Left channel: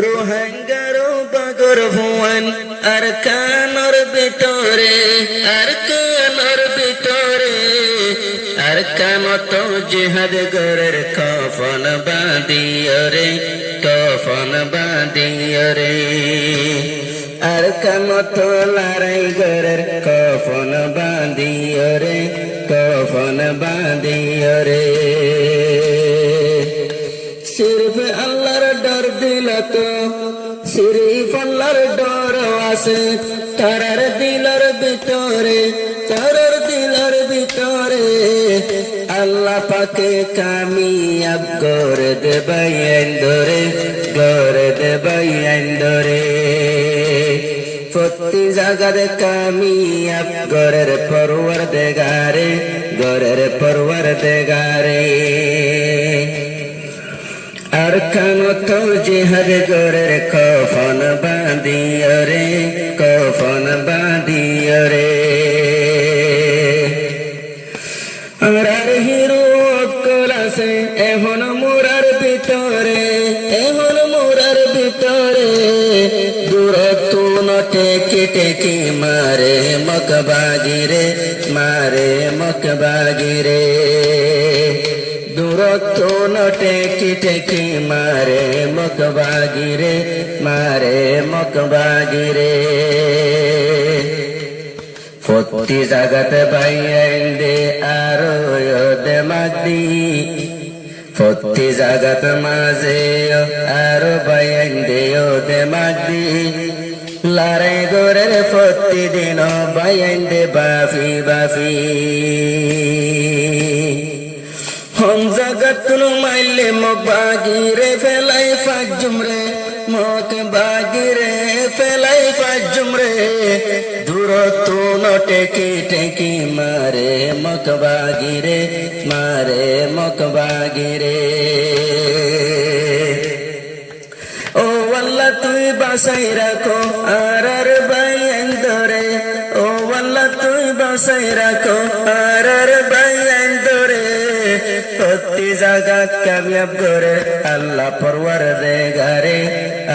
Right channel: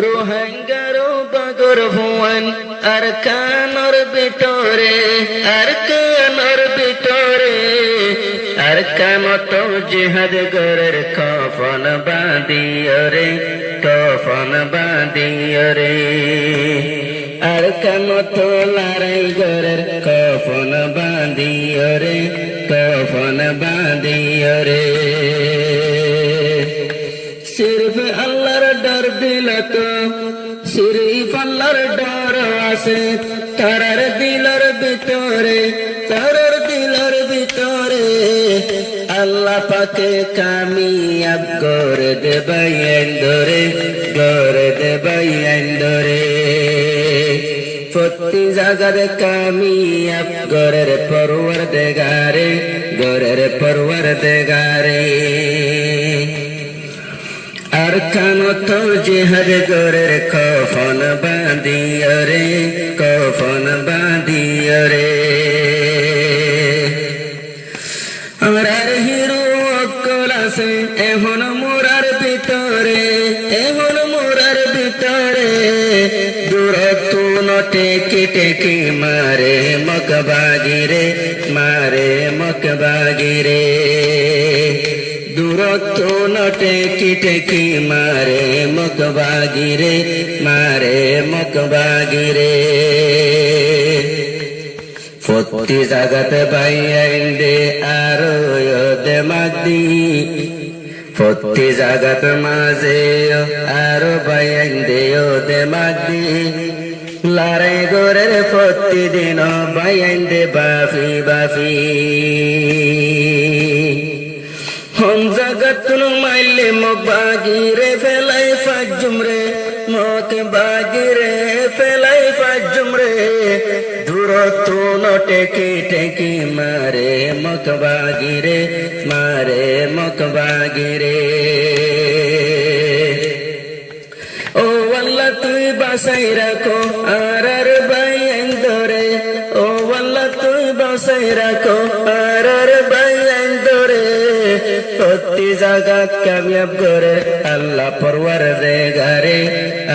রোহিঙ্গারো বাগর ভুয়ান আর কানর ভিতরে আর কানর ভিতরে আর কামত জিহাদ গরের কফন বাঁধিয়রে কফন বাঁধিয়রে আর কামত লড়াই গরের কফন বাঁধিয়রে কফন বাঁধিয়রে সিরফ আল্লাহর ডর দিল তো সিরিফ আল্লাহর ডর আছে তারার দিলর ভিতরে তারার দিলর ভিতরে আল্লাহ পাকে কামিয়াব করে দেবে আইন্দরে করে দেবে আইন্দরে প্রতি জায়গার কামিয়াব গরের পরওয়ারদিগারে গরের পরওয়ারদিগারে আর কানত জিহাদ গরের কফন বাঁধিয়রে কফন বাঁধিয়রে আর হিরো অকল আছে এখন মোরার ভিতরে এখন মোরার ভিতরে দূরত্ব নটে কেটে কি মারে মকবাগিরে মারে মকবাগিরে দূরত্ব নটে কিটে কি মারে মকবাগিরে মারে মকবাগিরে প্রতি জাগাত বাইন্দে আরো দে মাগদি প্রতি জাগাত মাঝে আরো বাইন্দে দে মাগদি লড়াই গোরের প্রতিদিন বাইন্দে বাফি বাফি হম জগত মাইলে মকবাগিরে ফেলাই ফাজুমরে মত বাগিরে ফেলাই ফাজুমরে দূরত্ব নটে কেটে কি মারে মকবাগিরে মারে মকবাগিরে ও আল্লাহ তুই বাসাই রাখো আর বাইন্দরে ও আল্লাহ তুই বাসাই রাখো আর বাইন্দরে প্রতি জাগাত কামিয়াব করে আল্লাহ পরওয়ারদিগারে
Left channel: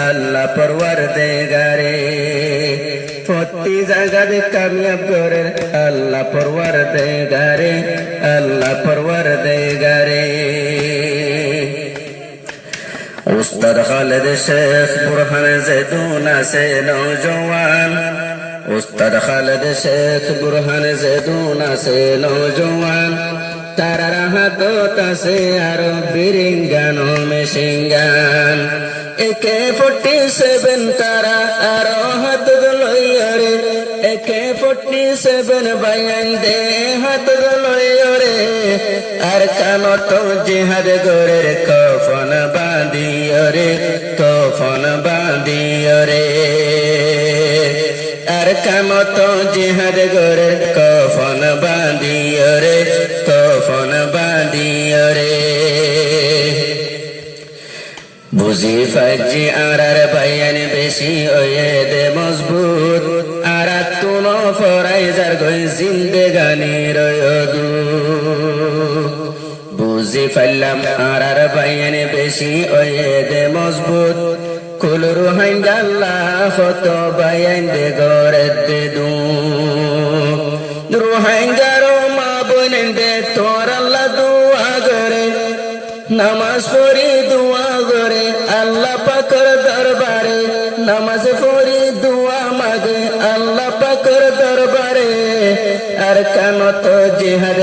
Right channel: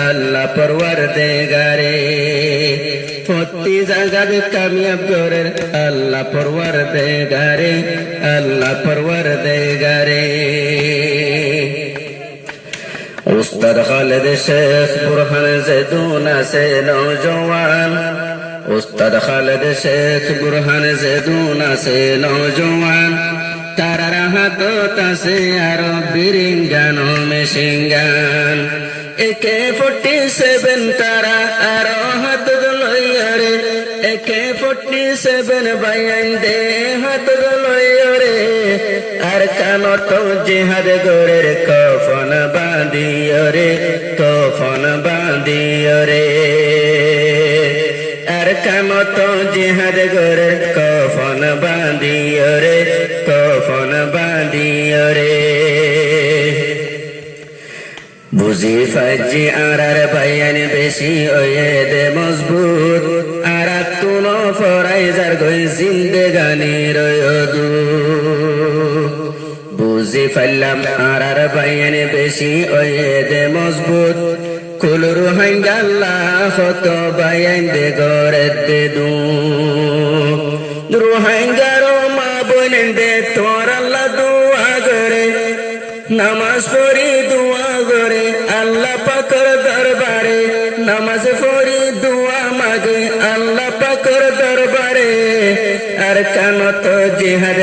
আল্লাহ পরওয়ারদিগারে প্রতি জাগাত কামিয়াব করে আল্লাহ পরওয়ারদিগারে আল্লাহ পরওয়ারদিগারে উস্তাদ খালেদ শেখ বুরহান জেদুন আছে নওজওয়ান উস্তাদ খালেদ শেখ বুরহান জেদুন আছে নওজওয়ান তারার হাতত আছে আরো বিরিঙ্গান মেশিঙ্গান AK-47 তারা আরো হাত লইরে AK-47 বাইন্দে হাত লইরে আর কানত জিহাদ গরের কফন বাঁধিয়রে কফন বাঁধিয়রে আর কানত জিহাদ গরের কফন বাঁধিয়রে কফন বাঁধিয়রে বুঝি ফাজি আর বাইয়ান বেশি ওয়ে দে মজবুত আর তুন ফরাইজার গই জিন্দেগানি রয়দু বুঝি ফাইলাম আর বাইয়ান বেশি ওয়ে দে মজবুত কুলুর হাঙ্গাল্লা হত বাইয়ান দে গরে দে দু রোহিঙ্গারো মা বোনেন দে তোর আল্লাহ দুয়া করে নামাজ পড়ি দুয়া করে আল্লাহ পাকের দরবারে নামাজ পড়ি দুয়া মাগে আল্লাহ পাকের দরবারে আর কানত জিহাদ